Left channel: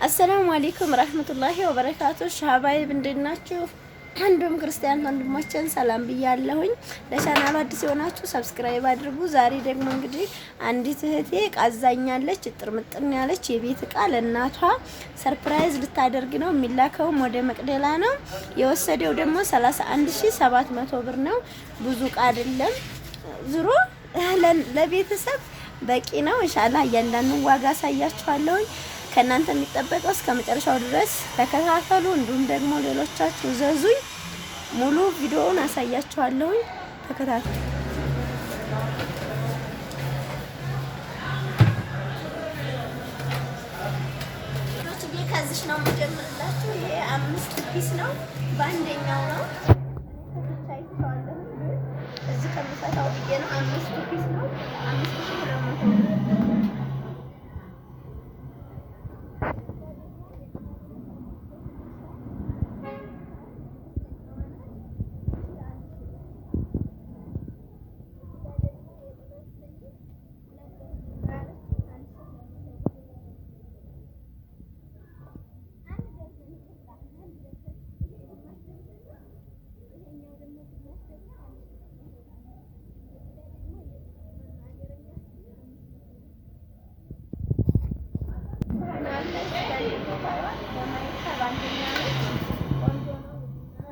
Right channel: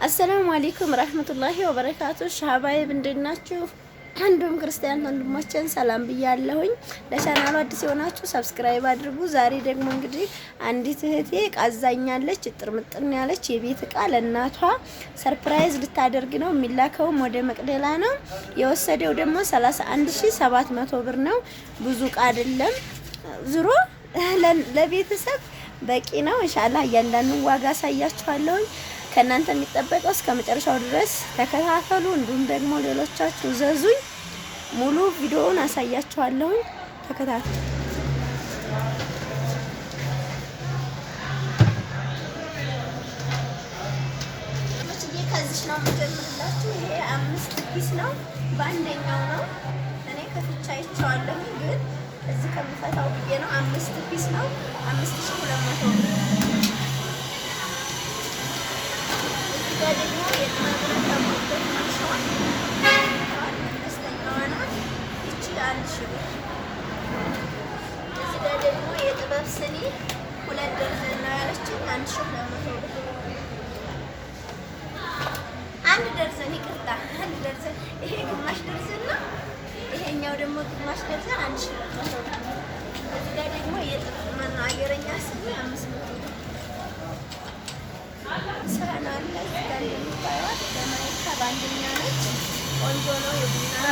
አሰላሙ አለይኩም ረህመቱላሂ ወበረካቱ። ሻባይብ እንዴት ናችሁ? አንዱም ክርስቲያን ወንድሞችን ሰላም ብያለሁኝ። ለቻናሉ አዲስ የሆናችሁ ሰብስክራይብ አድርጉ። ዛሬ ደግሞ እንግዲህ አንዲት እህቴ ቃዛኛለች ጥርምጥን ያለች የቤት እቃ ለእናቷ ሰርፕራይዝ ልታደርግ ነው። የሚላከውም ወደ መቅደላ ነው። የወሰደው ደግሞ 31700 ብር ነው። ብዙ እቃ አይደለም። ዙሮ ለቤተሰብ በቂ ነው። ኢንሻአላህ እያንዳንዱ ዋጋ አሳያችኋለሁኝ። ከእናንተ የሚጠበቀው እስከ መጨረሻው ድረስ ተከታተሉ። እንዲሁም ደግሞ ሌሎቻችሁ ዘዙኝ። ሙሉ ቪዲዮውን አሳያችኋለሁኝ። ተከታተሉ። ከዚህ ነው የምጀምርላችሁ። ይሄ 5 ፒስ ነው። በአንደኛው ነው እኔ ከፍቻ አይቼዋለሁ፣ ግን እዚህ ከምፈታው ብዬ ነው። 5 ፒስ ነው 5200 ብር። በአንደኛ ነች። ቆንጆ ነው። የቡና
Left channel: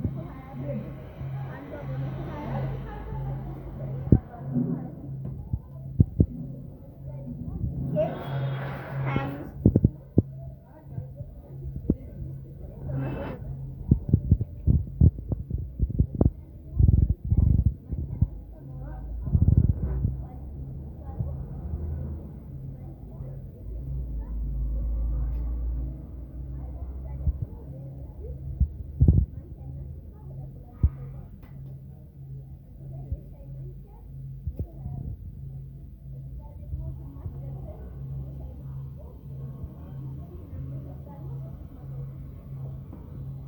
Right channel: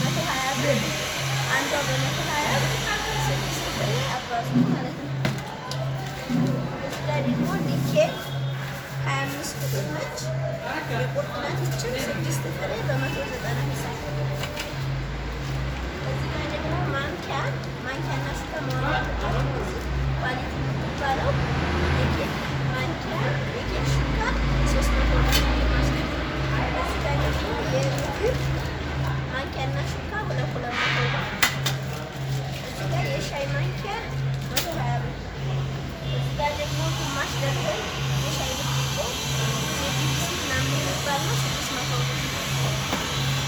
120 ብር አንዷ በ120 6 ፍሬ አባዙ ማለት ነው። እዚህ ጋር ደግሞ ዲኬት 25 ቁጥር ነች። የቁርጥ ናትችን 6 ፍሬ በ190 ሂሳብ። እዚህ ጋር ደግሞ ማንኪያና ስተመራ ኳሊቲ የምትባለው የኬክ ማንኪያ የኬክ ሹካ 300 ብር። ማንኪያና ሹካ 200 ብር። እዚህ ጋር የሻይ ማንኪያ 120 ብር። እዚህ ጋር ደግሞ ግማሽ ደርዘን የሻይ ብርጭቆ የቢቢሲ ምናምን የሚባል ነው 600 ብር።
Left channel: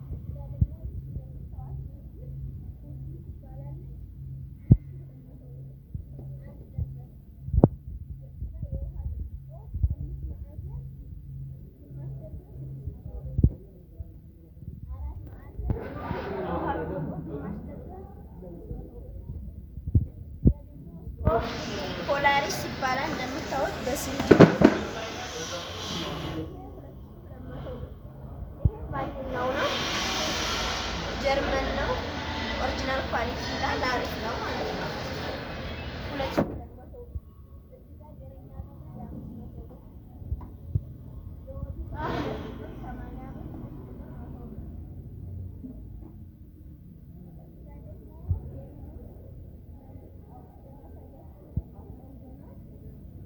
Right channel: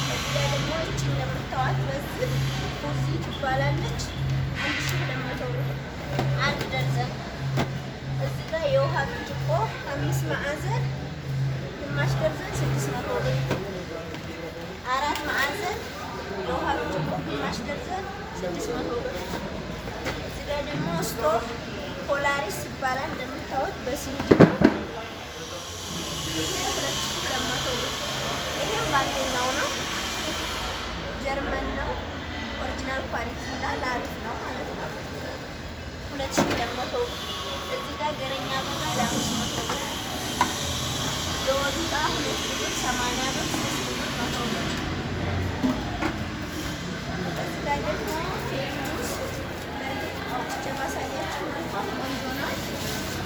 እዚህ ጋር ደግሞ እቺ እንደምታዋት በዚህ ፉዚ ትባላለች 1200 ብር አንድ ደርዘን። እዚህ ጋር የውሃ ብርጭቆ 5 ማዕዘን ግማሽ ደርዘን 600 ብር። 4 ማዕዘን የውሃ ብርጭቆ ግማሽ ደርዘን 600 ብር። እዚህ ጋር ደግሞ ስቶቭ ፖላሪስ ይባላል እንደምታዩት በሲንዲ ነው 2200 ብር። ይሄም በአንደኛው ነው። ጀርመን ነው። ኦሪጂናል ኳሊቲ ይላል። አሪፍ ነው ማለት ነው። 2200 ብር። እዚህ ጋር ገረኛ በጋ 500 ብር። የወጡ ዕቃ 2 ሊትር 80 ብር 3 ሊትር 100 ብር። እዚህ ጋር ደግሞ ፌርሙስ አውጥቼ ማሳያችሁ መልኳም ቆንጆ ነው።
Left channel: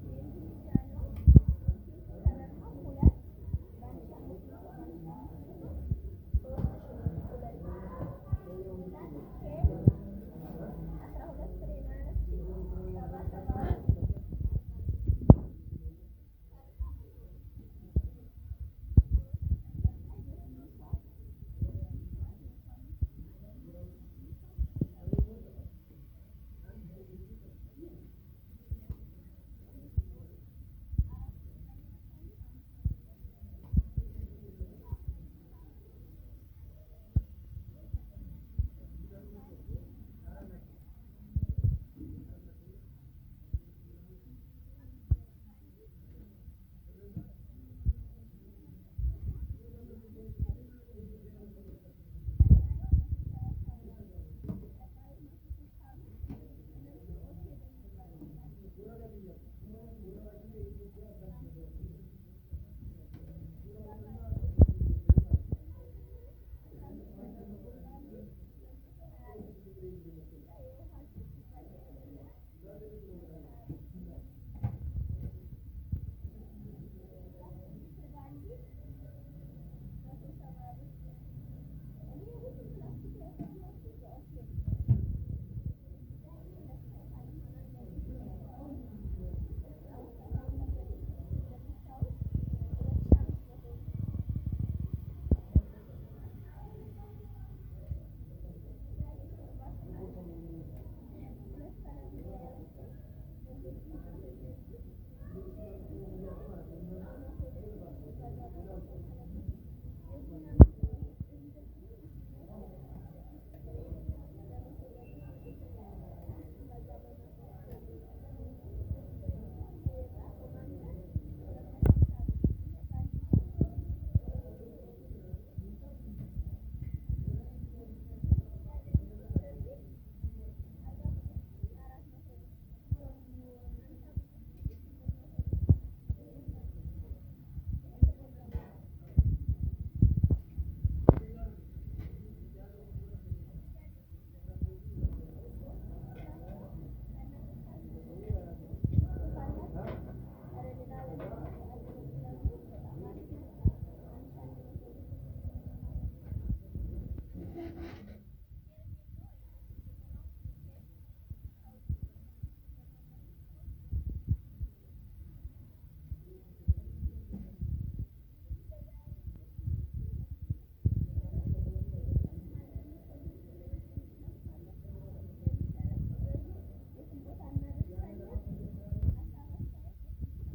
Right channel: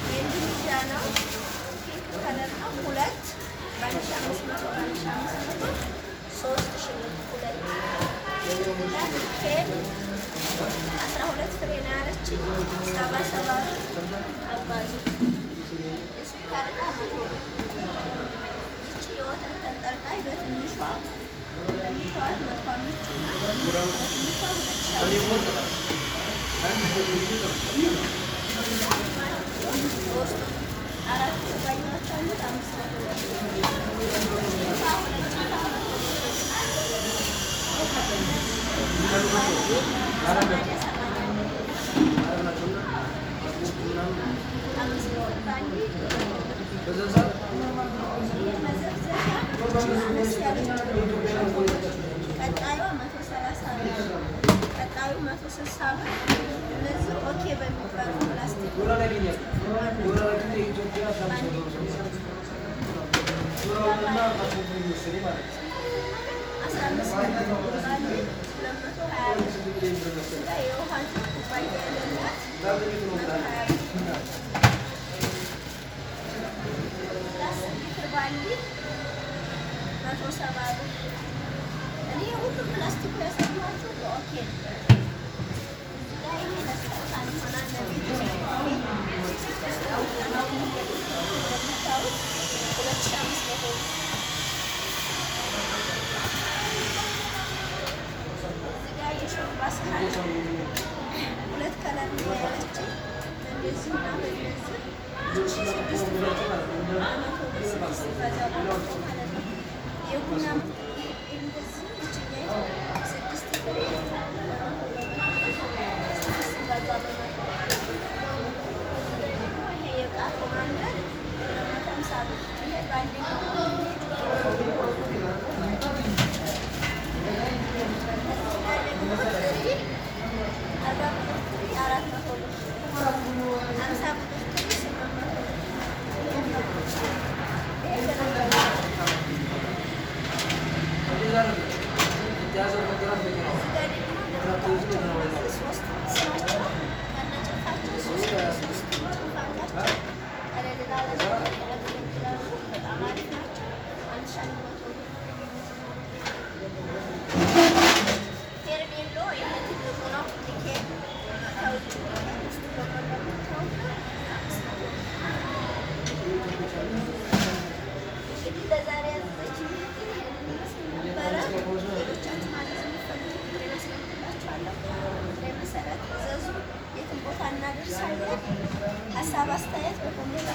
የኢንዶኔዥያ ነው። ፒንክ ከለር ነው። 2 በ1500 1500 3000 ብር 2 ኬክ 12 ፍሬ ነው ያለችኝ 77 ብር አባዙ። የስኳር ዕቃ 100 ብር። የወተት ተንጠልጣይ በትንሿ በትንሿ 4 ኩባያዎች አሉት 500 ብር። ቀጣዩ 130 ብር፣ ቀጣዩ 160 ብር። እነዚህ ኦኬ በሚባሉ ፕላስቲክ 170 ብር። እኔ ሁሉም ፕላስቲክ ያሳየኋችሁ ኦኬ ነው። እዚህ ጋር ይሄ ለስጦታ ይሆናል ለቤት 2500 ብር። እዚህ ጋር የሾርባ ሳህን በዛው ማለት ነው። የቡና እንደዚህ ይችኛል 6 ፍሬ ሀሳብ አስተያየት በኮሜንት